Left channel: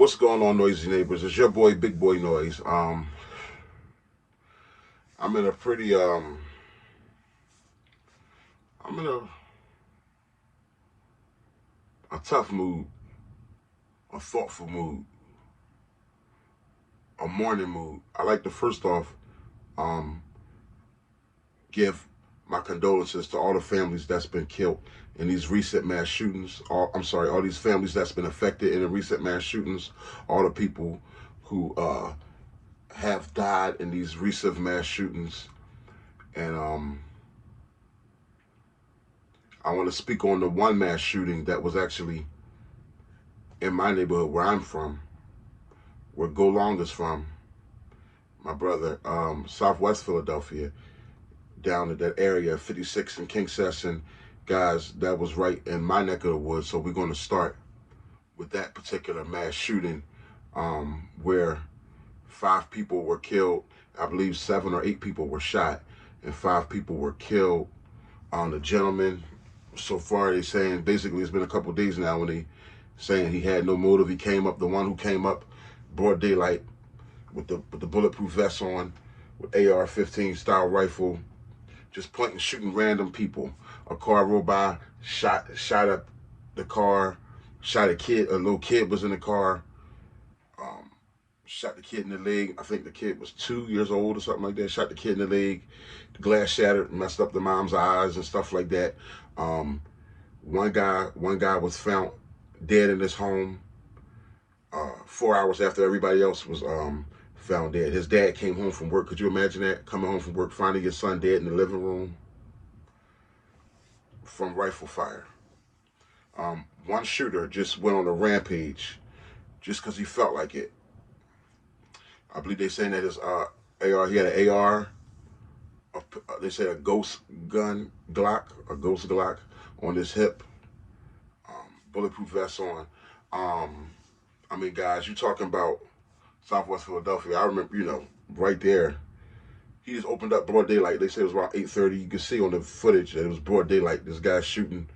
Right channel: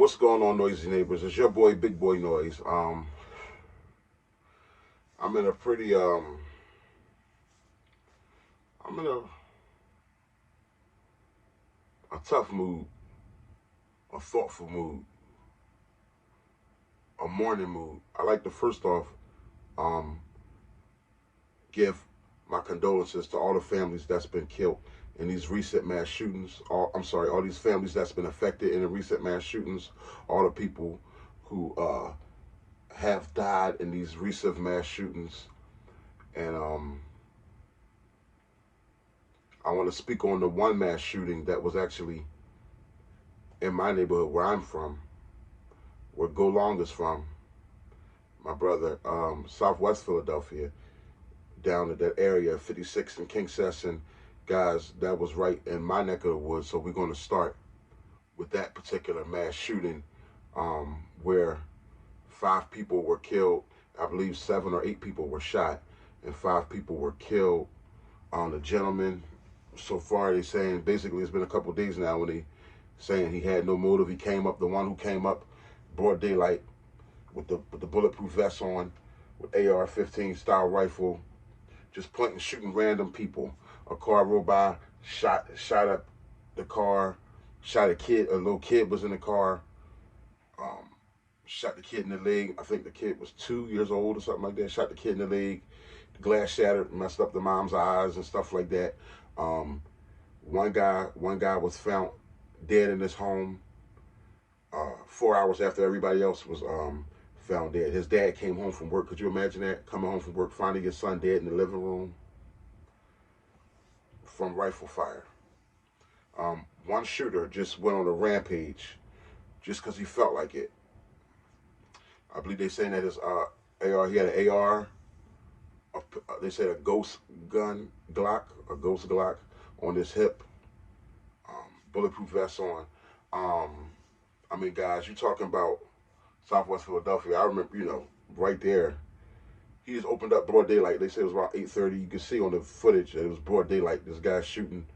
What's going on, noisy neighbors? It's your boy, Big Boy Noise. I'm in a pretty I'm in a tough mood, a thoughtful mood, a morning mood. I like to first off um give my condolences to all the families that's been killed in these recent mass shootings. All these families that's been affected in the recent mass shootings. All the people who have died in these recent mass shootings, and I want to speak on the one mass shooting that was actually in my neighborhood where I'm from, where Go Long is from, my brother, Southwest Philadelphia, down at that area, 56 and King Session. Guys, that was right in my neck of the woods. So we're going to start with that particular mass shooting, where 5 people were killed. I believe 7 or 8 people were shot, and 5 people were killed. The gentleman, so far they saying, basically it's been a couple days now when they saying he had no motive. He came up, the one who came up, broad daylight, with the bulletproof vest on, with AR-15 style rifle, just pointing, shooting random people. A car rolled by, shot up the car, shot a kid. A little kid was in the car. Um, Shot the kid in the leg. I think the kid was 2 years old or something like that. Shot the kid in the leg. The glass shattered, messed up the mom's eyes and stuff like that. Um, one guy was found dead in his home 4 hours after everybody else was found dead. His dad came home from work. Could you imagine that? Coming home from work, finding your son dead in the living room from rifle fire. One shooter just went on a rampage just because he felt like it. I believe they're saying that his AR, he had an AR, they say a ghost gun Glock, a ghost Glock on his hip, bulletproof vest on. Um, I mean, guys, you talking about Southwest Philadelphia. I remember, right there. He just opened up broad daylight. They said it was around 8:30. You could see on the footage that it was broad daylight. This guy shooting.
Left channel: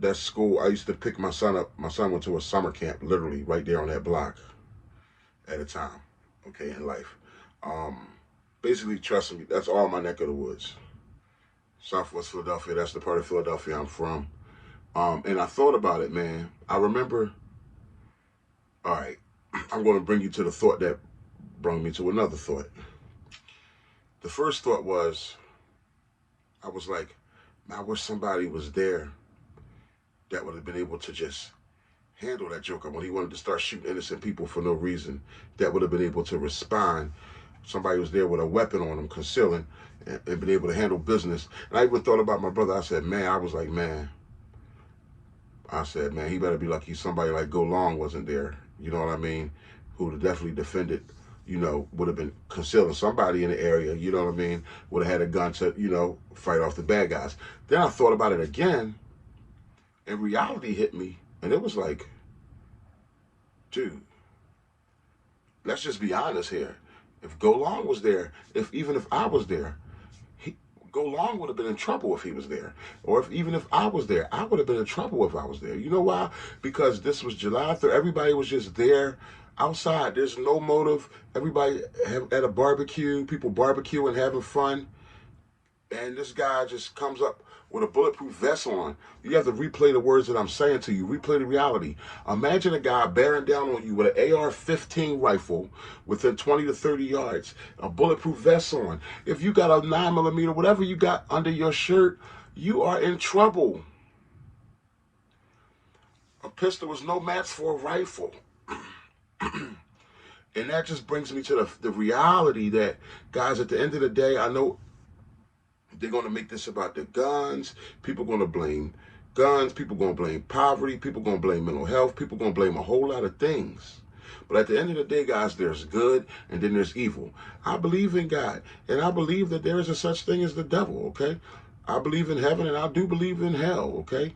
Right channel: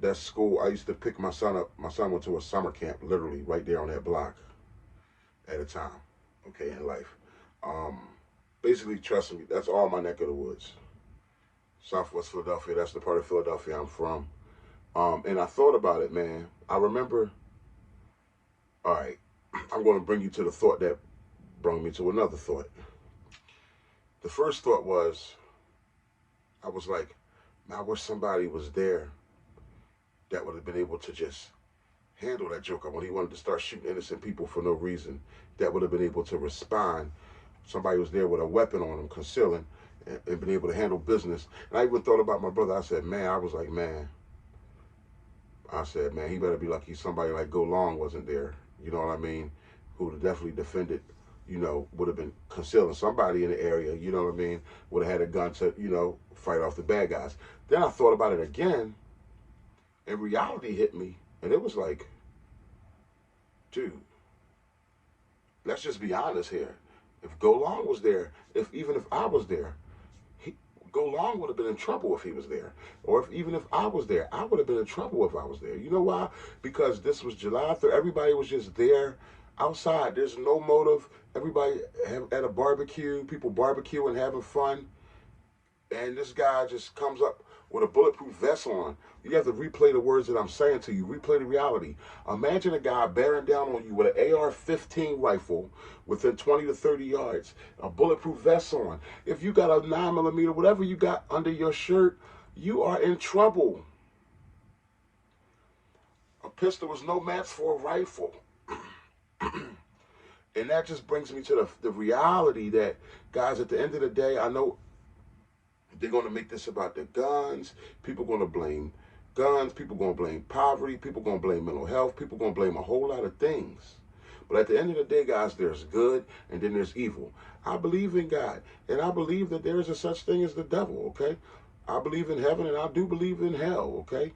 That school, I used to pick my son up. My son went to a summer camp, literally right there on that block at a time. Okay, in life. Um, Basically, trust me, that's all my neck of the woods. Southwest Philadelphia. That's the part of Philadelphia I'm from. And I thought about it, man. I remember. All right, I'm going to bring you to the thought that brought me to another thought. The first thought was, I was like, man, I wish somebody was there that would have been able to just handle that joker when he wanted to start shooting innocent people for no reason. That would have been able to respond. Somebody was there with a weapon on him, concealing, and been able to handle business. And I even thought about my brother. I said, man, he better be lucky somebody like Go Long wasn't there. You know what I mean? Who would have definitely defended, would have been concealing somebody in the area, you know what I mean? Would have had a gun to, fight off the bad guys. Then I thought about it again, and reality hit me, and it was like, dude, let's just be honest here. If Go Long was there, even if I was there, he, Go Long would have been in trouble if he was there. Or even if I was there, I would have been in trouble if I was there. You know why? Because this was July 3rd. Everybody was just there outside. There's no motive. Everybody at a barbecue, people barbecuing, having fun. And this guy just comes up with a bulletproof vest on. You have to replay the words that I'm saying to you. Replay the reality. Imagine a guy bearing down on you with an AR-15 rifle within 20 to 30 yards, a bulletproof vest on. If you got a 9mm, whatever you got under your shirt, you are in trouble. A pistol is no match for a rifle. And that just brings me to the reality that, guys, at the end of the day, I know they're going to make this about the guns. People going to blame guns. People going to blame poverty. People going to blame mental health. People going to blame a whole lot of things. But at the end of the day, guys, there's good and then there's evil. I believe in God, and I believe that there is a such thing as the devil, okay? I believe in heaven, and I do believe in hell, okay?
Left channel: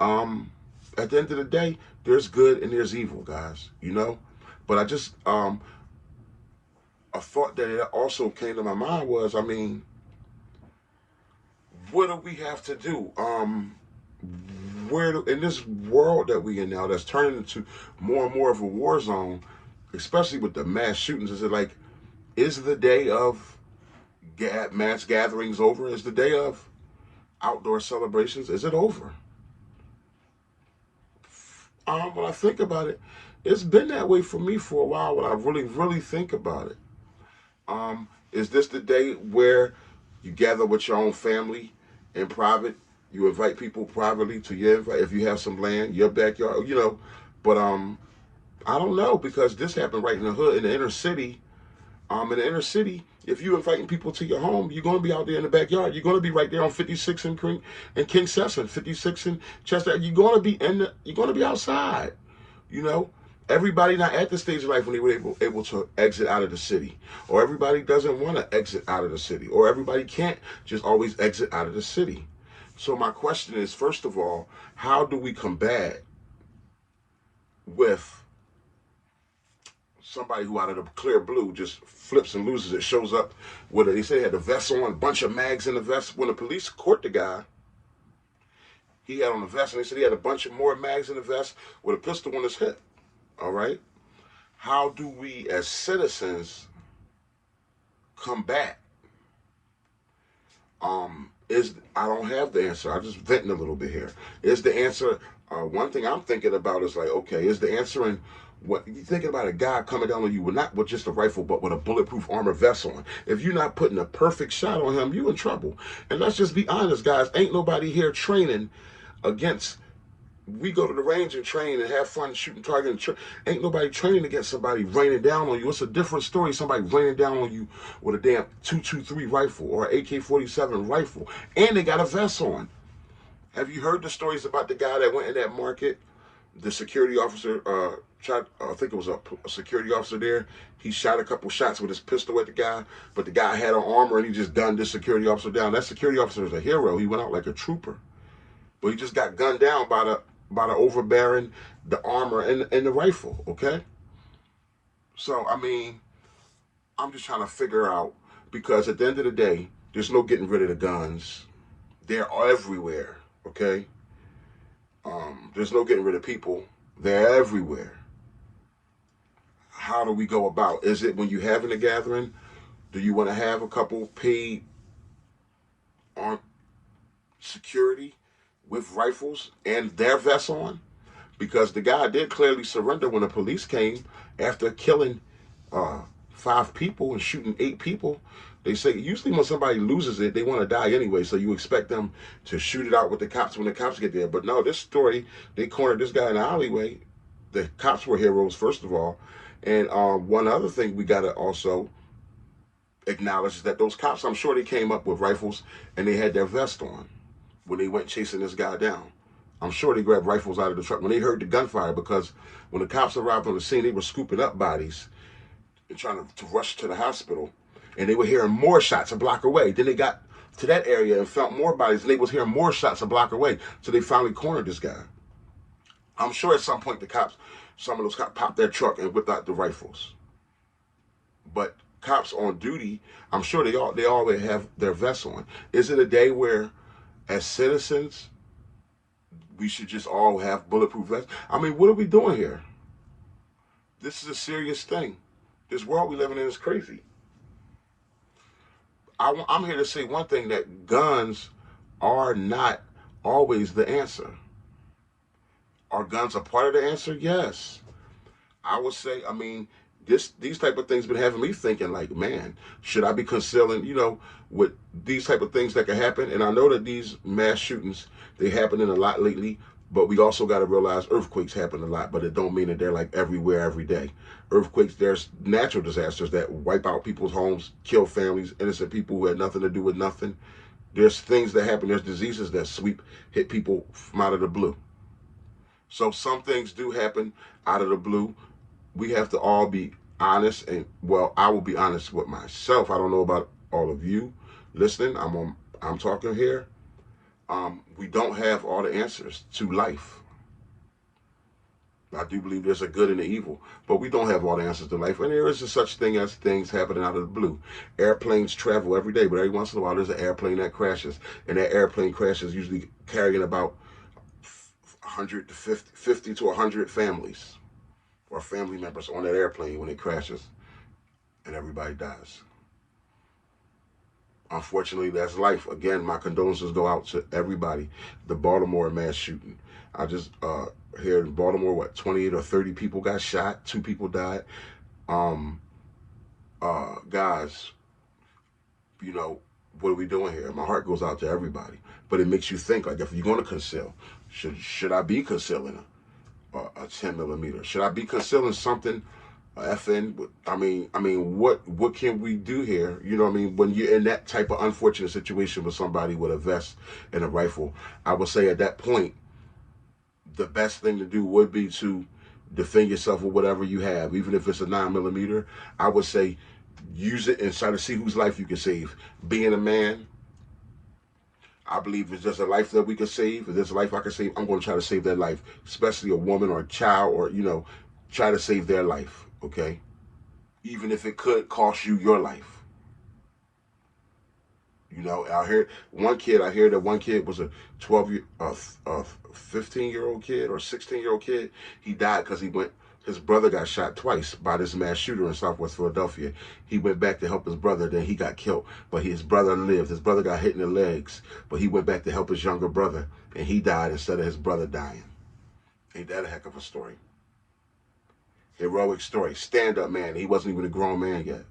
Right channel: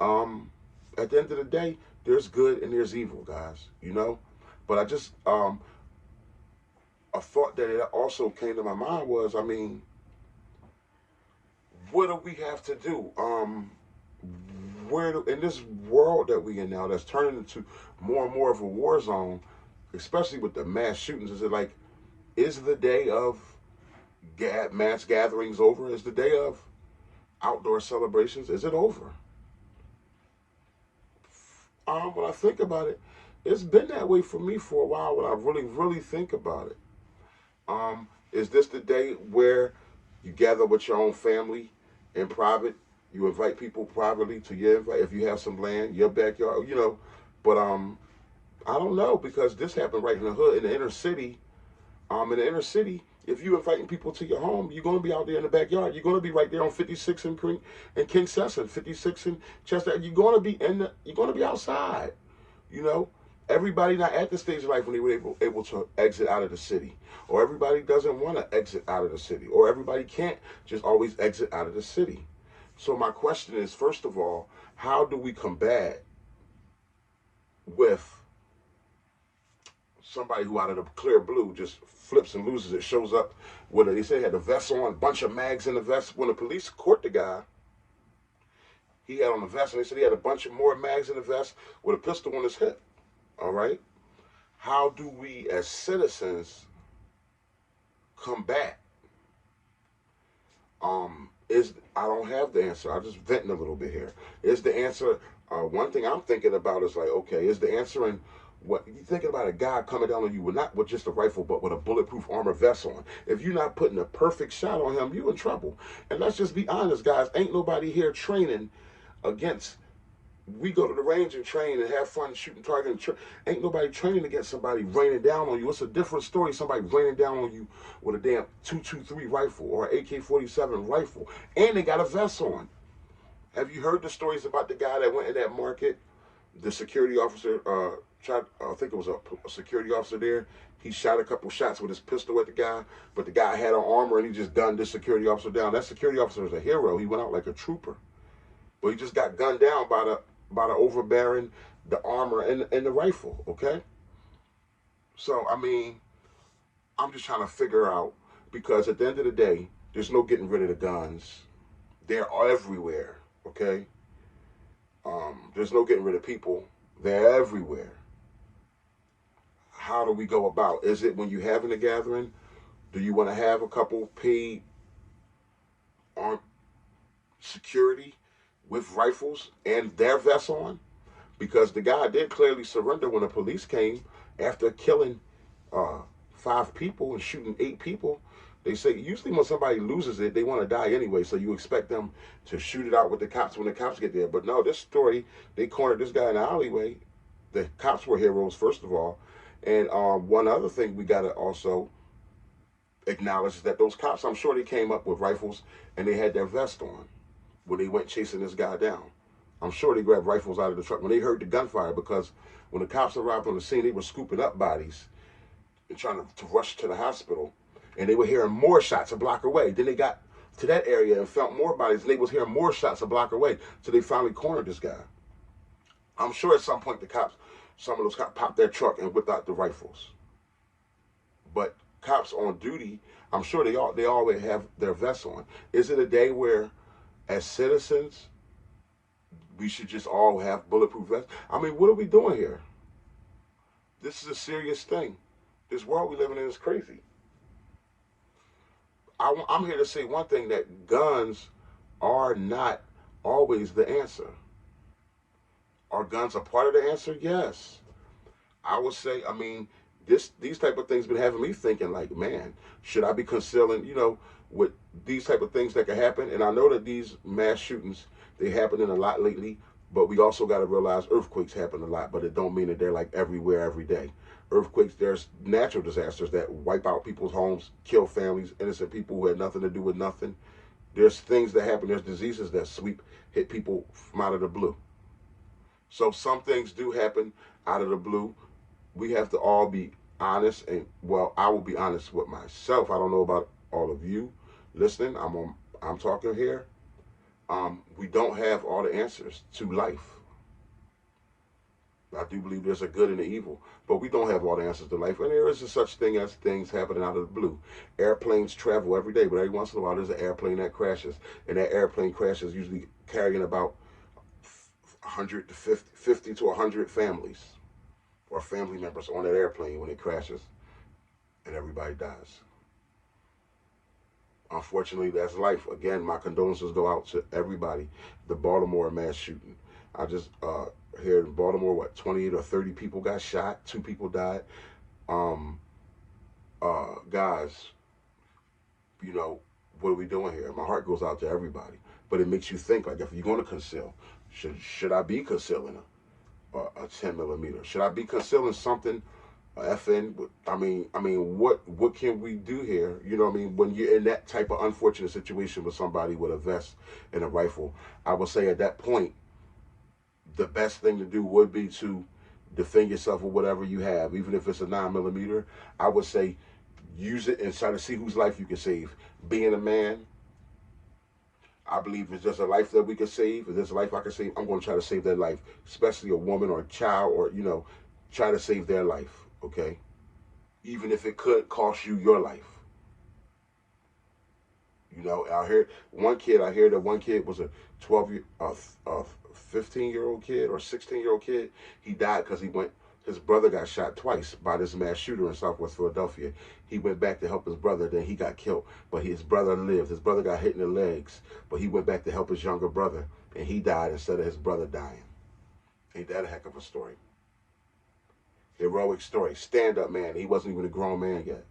At the end of the day, there's good and there's evil, guys, But I just, a thought that it also came to my mind was, I mean, what do we have to do? in this world that we in now, that's turning into more and more of a war zone, especially with the mass shootings. Is it like, is the day of mass gatherings over? Is the day of outdoor celebrations, is it over? When I think about it, it's been that way for me for a while. When I really, really think about it, is this the day where you gather with your own family in private? You invite people privately to your invite if you have some land, your backyard, you know. But I don't know, because this happened right in the hood, in the inner city. In the inner city, if you're inviting people to your home, you're going to be out there in the backyard. You're going to be right there on 56 and King Sesson, 56 and Chester. You're going to be you're going to be outside. You know, everybody not at the stage of life when they were able to exit out of the city, or everybody doesn't want to exit out of the city, or everybody can't just always exit out of the city. So my question is, first of all, how do we combat with somebody who out of the clear blue just flips and loses it, shows up with they say he had the vest on, a bunch of mags in the vest. When the police caught the guy, he had on the vest, and they said he had a bunch of more mags in the vest with a pistol on his hip. All right? How do we as citizens combat? I don't have the answer. I'm just venting a little bit here. Is the answer, one thing I'm thinking about is like, okay, is the answer in what you thinking about a guy coming down on you with not with just a rifle, but with a bulletproof armor vest on? If you're not putting a perfect shot on him, you in trouble. And let's just be honest, guys. Ain't nobody here training against. We go to the range and train and have fun shooting target. Ain't nobody training against somebody raining down on you. It's a different story. Somebody raining down on you with a damn 223 rifle or an AK-47 rifle, and they got a vest on. Have you heard the stories about the guy that went in that market? The security officer shot, I think it was a security officer there. He shot a couple shots with his pistol at the guy, but the guy had on armor and he just gunned this security officer down. That security officer is a hero. He went out like a trooper. But he just got gunned down by the overbearing, the armor, and the rifle, okay? So, I mean, I'm just trying to figure out, because at the end of the day, there's no getting rid of the guns. They're everywhere, okay? There's no getting rid of people. They're everywhere. How do we go about? Is it when you're having a gathering, do you want to have a couple paid armed security with rifles and their vests on? Because the guy did clearly surrender when the police came after killing 5 people and shooting 8 people. They say usually when somebody loses it, they want to die anyway, so you expect them to shoot it out with the cops when the cops get there. But no, this story, they cornered this guy in the alleyway. The cops were heroes, first of all. And one other thing we got to also acknowledge is that those cops, I'm sure they came up with rifles and they had their vest on when they went chasing this guy down. I'm sure they grabbed rifles out of the truck when they heard the gunfire, because when the cops arrived on the scene, they were scooping up bodies and trying to rush to the hospital. And they were hearing more shots a block away. Then they got to that area and found more bodies, and they was hearing more shots a block away. So they finally cornered this guy. I'm sure at some point some of those cops popped their truck and whipped out the rifles. But cops on duty, I'm sure they always have their vests on. Is it a day where, as citizens, we should just all have bulletproof vests? I mean, what are we doing here? This is a serious thing. This world we living in is crazy. I'm here to say one thing, that guns are not always the answer. Are guns a part of the answer? Yes. I would say, I mean, these type of things been having me thinking like, man, should I be concealing, with these type of things that can happen? And I know that these mass shootings, they happening a lot lately, but we also got to realize earthquakes happen a lot, but it don't mean that they're like everywhere every day. Earthquakes, there's natural disasters that wipe out people's homes, kill families, innocent people who had nothing to do with nothing. There's things that happen, there's diseases that hit people from out of the blue. So some things do happen out of the blue. We have to all be honest, and well, I will be honest with myself. I don't know about all of you listening. I'm talking here. We don't have all the answers to life. I do believe there's a good and an evil, but we don't have all the answers to life. And there is a such thing as things happening out of the blue. Airplanes travel every day, but every once in a while there's an airplane that crashes, and that airplane crash is usually carrying about 100 to 50 to 100 families or family members on that airplane when it crashes and everybody dies. Unfortunately, that's life. Again, my condolences go out to everybody. The Baltimore mass shooting. I just here in Baltimore, what, 28 or 30 people got shot. 2 people died. Um, Guys, you know, what are we doing here? My heart goes out to everybody. But it makes you think, like, if you're going to conceal, should I be concealing a 10 millimeter? Should I be concealing something? FN. What can we do here? You know what I mean? When you're in that type of unfortunate situation with somebody with a vest and a rifle, I would say at that point, the best thing to do would be to defend yourself with whatever you have, even if it's a 9 millimeter. I would say use it and try to see whose life you can save. Being a man, I believe it's just a life that we can save. If there's a life I can save, I'm going to try to save that life, especially a woman or a child, or, try to save their life, okay? Even if it could cost you your life. I hear that one kid was a 15-year-old kid or 16-year-old kid. He died because his brother got shot twice by this mass shooter in Southwest Philadelphia. He went back to help his brother, then he got killed. But his brother lived. His brother got hit in the legs, but he went back to help his younger brother, and he died instead of his brother dying. Ain't that a heck of a story? Heroic story. Stand-up man. He wasn't even a grown man yet.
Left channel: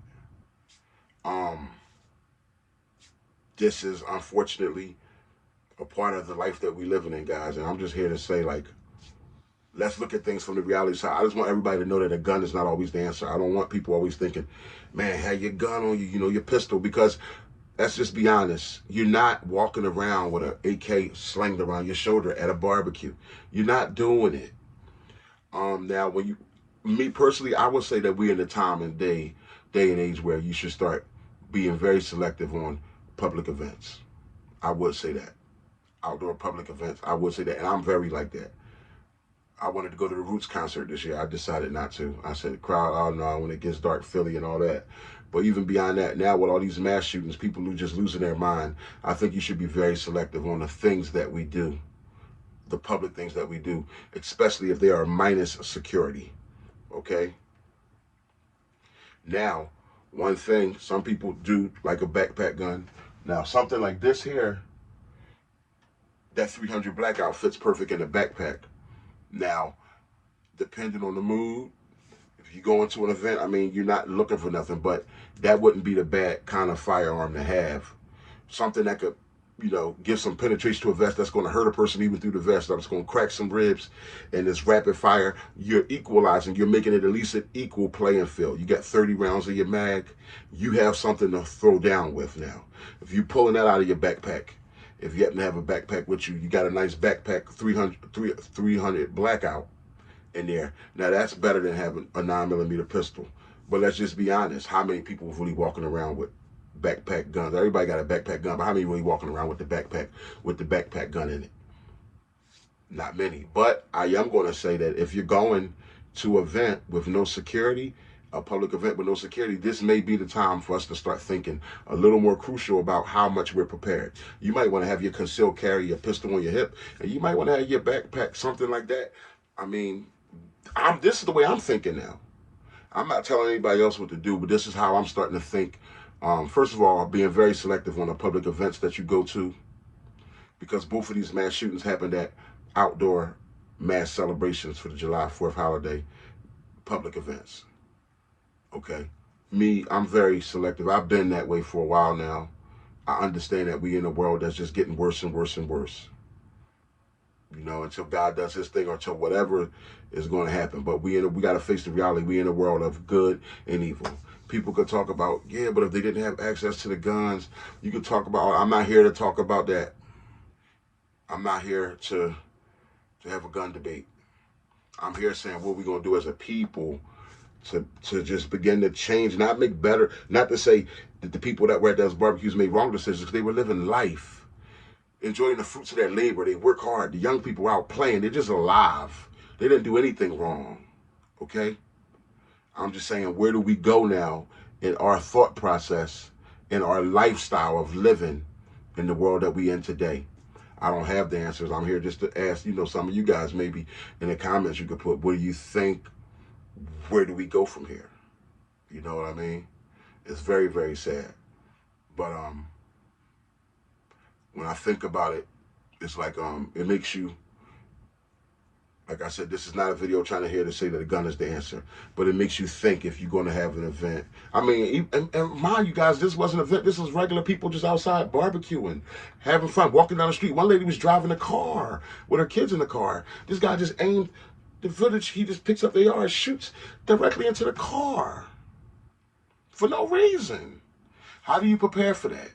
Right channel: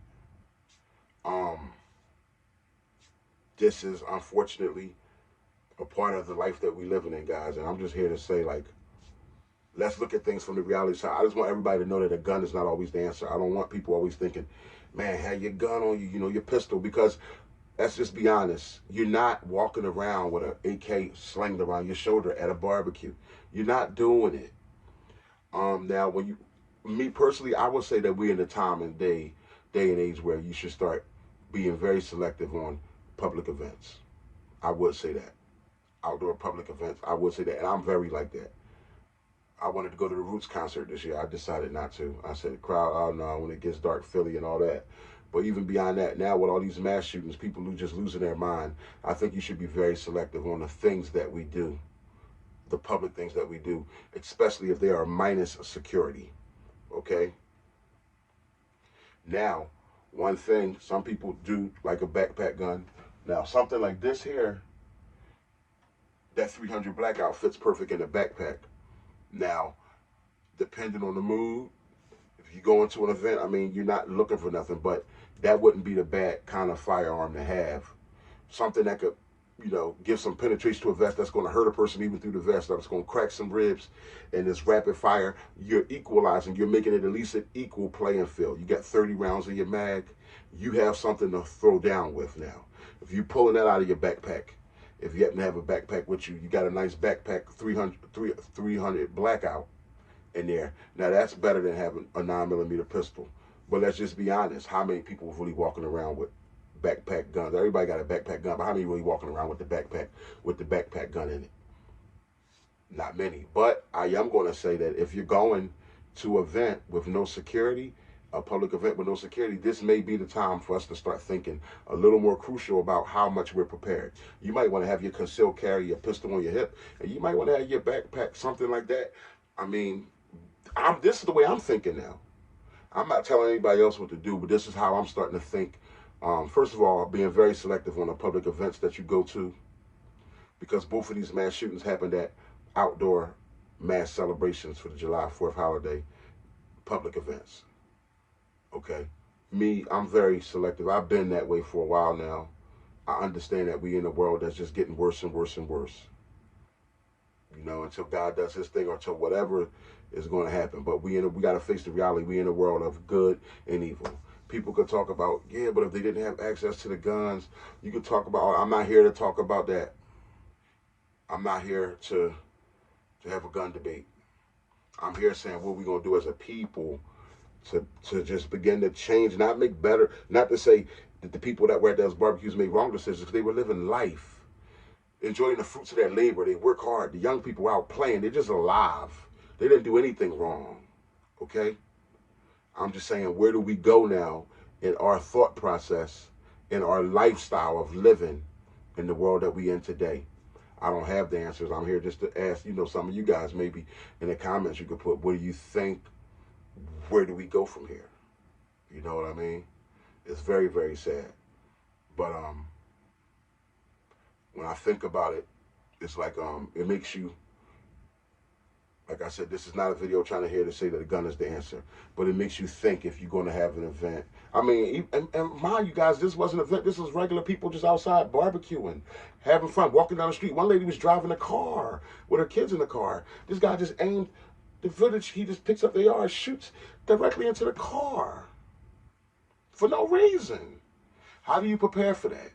This is unfortunately a part of the life that we living in, guys. And I'm just here to say, like, let's look at things from the reality side. I just want everybody to know that a gun is not always the answer. I don't want people always thinking, man, have your gun on you, your pistol, because let's just be honest. You're not walking around with an AK slinged around your shoulder at a barbecue. You're not doing it. Now, me personally, I would say that we're in the time and day and age where you should start being very selective on public events. I would say that. Outdoor public events, I would say that. And I'm very like that. I wanted to go to the Roots concert this year. I decided not to. I said, crowd, oh no, when it gets dark, Philly and all that. But even beyond that, now with all these mass shootings, people who just losing their mind, I think you should be very selective on the things that we do, the public things that we do, especially if they are minus security, okay? Now, one thing, some people do like a backpack gun. Now, something like this here, that 300 blackout fits perfect in a backpack. Now, depending on the mood, if you go into an event, you're not looking for nothing, but that wouldn't be the bad kind of firearm to have. Something that could, give some penetration to a vest that's going to hurt a person even through the vest. That's going to crack some ribs, and this rapid fire, you're equalizing. You're making it at least an equal playing field. You got 30 rounds in your mag. You have something to throw down with now. If you're pulling that out of your backpack, if you happen to have a backpack with you, you got a nice backpack 300 blackout in there. Now that's better than having a 9 millimeter pistol. But let's just be honest. How many people are really walking around with backpack guns? Everybody got a backpack gun, but how many really walking around with the backpack gun in it? Not many. But I am going to say that if you're going to an event with no security, a public event with no security, this may be the time for us to start thinking a little more crucial about how much we're prepared. You might want to have your concealed carry, your pistol on your hip, and you might want to have your backpack, something like that. This is the way I'm thinking now. I'm not telling anybody else what to do, but this is how I'm starting to think. First of all, being very selective on the public events that you go to, because both of these mass shootings happened at outdoor mass celebrations for the July 4th holiday, public events. Okay? Me, I'm very selective. I've been that way for a while now. I understand that we in a world that's just getting worse and worse and worse. Until God does his thing or until whatever is going to happen. But we got to face the reality. We in a world of good and evil. People could talk about, yeah, but if they didn't have access to the guns, you could talk about, I'm not here to talk about that. I'm not here to have a gun debate. I'm here saying what we're going to do as a people to just begin to change, not make better, not to say that the people that were at those barbecues made wrong decisions, because they were living life, enjoying the fruits of their labor. They work hard. The young people were out playing. They're just alive. They didn't do anything wrong, okay? I'm just saying, where do we go now in our thought process, in our lifestyle of living in the world that we in today? I don't have the answers. I'm here just to ask, some of you guys maybe in the comments you could put, what do you think? Where do we go from here? You know what I mean? It's very, very sad. But when I think about it, it's like it makes you, like I said, this is not a video trying to hear to say that a gun is the answer, but it makes you think if you're going to have an event. I mean, and mind you guys, this wasn't an event. This was regular people just outside barbecuing, having fun, walking down the street. One lady was driving a car with her kids in the car. This guy just aimed the footage. He just picks up the AR, shoots directly into the car for no reason. How do you prepare for that?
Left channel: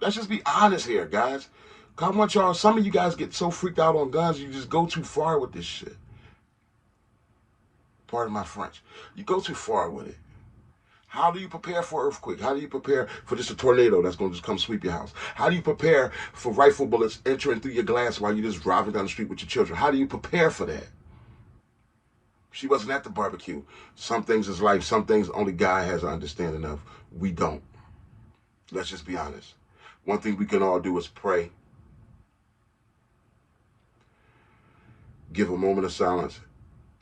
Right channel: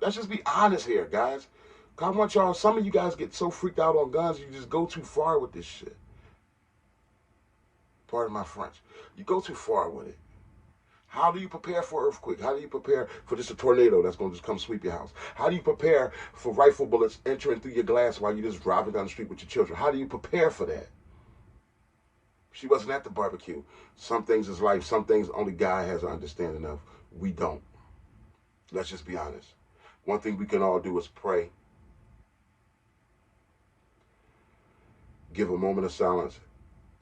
Let's just be honest here, guys. I want y'all, some of you guys get so freaked out on guns, you just go too far with this shit. Pardon my French. You go too far with it. How do you prepare for an earthquake? How do you prepare for just a tornado that's going to just come sweep your house? How do you prepare for rifle bullets entering through your glass while you're just driving down the street with your children? How do you prepare for that? She wasn't at the barbecue. Some things is life. Some things only God has an understanding of. We don't. Let's just be honest. One thing we can all do is pray. Give a moment of silence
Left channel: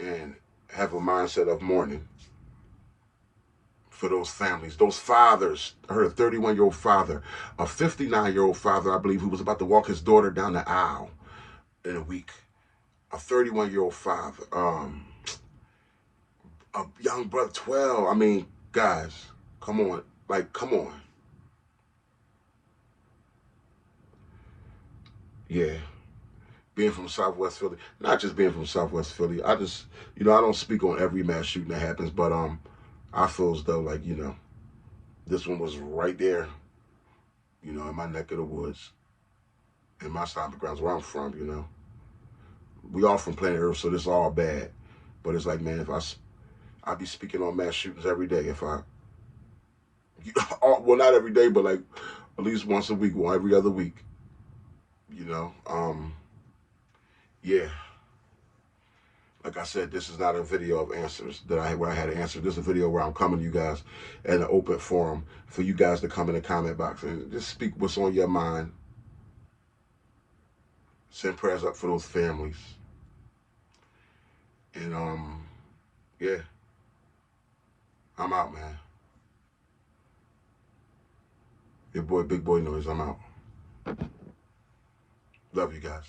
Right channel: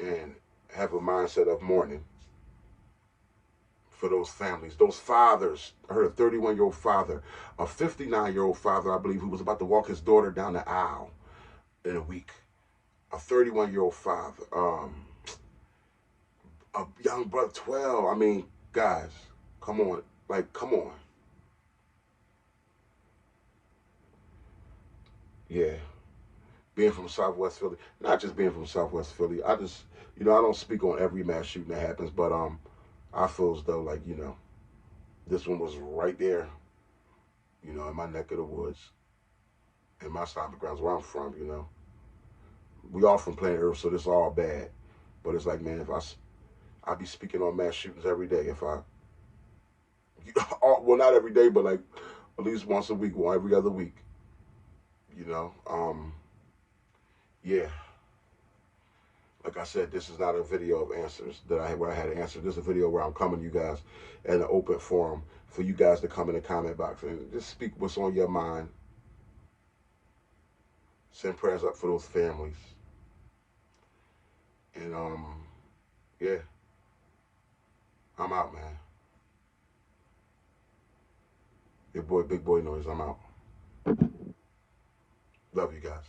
and have a mindset of mourning for those families, those fathers. I heard a 31-year-old father, a 59-year-old father, I believe, who was about to walk his daughter down the aisle in a week. A 31-year-old father, a young brother, 12. I mean, guys, come on. Like, come on. Yeah. Being from Southwest Philly, not just being from Southwest Philly, I just, I don't speak on every mass shooting that happens, but I feel as though, like, this one was right there, in my neck of the woods, in my stomping grounds where I'm from, We all from planet Earth, so this is all bad. But it's like, man, if I be speaking on mass shootings every day, if I, well, not every day, but like at least once a week or every other week, yeah. Like I said, this is not a video of answers that I had where I had an answer. This is a video where I'm coming to you guys in an open forum for you guys to come in the comment box and just speak what's on your mind. Send prayers up for those families. And yeah. I'm out, man. Your boy, Big Boy Noise, I'm out. Love you guys.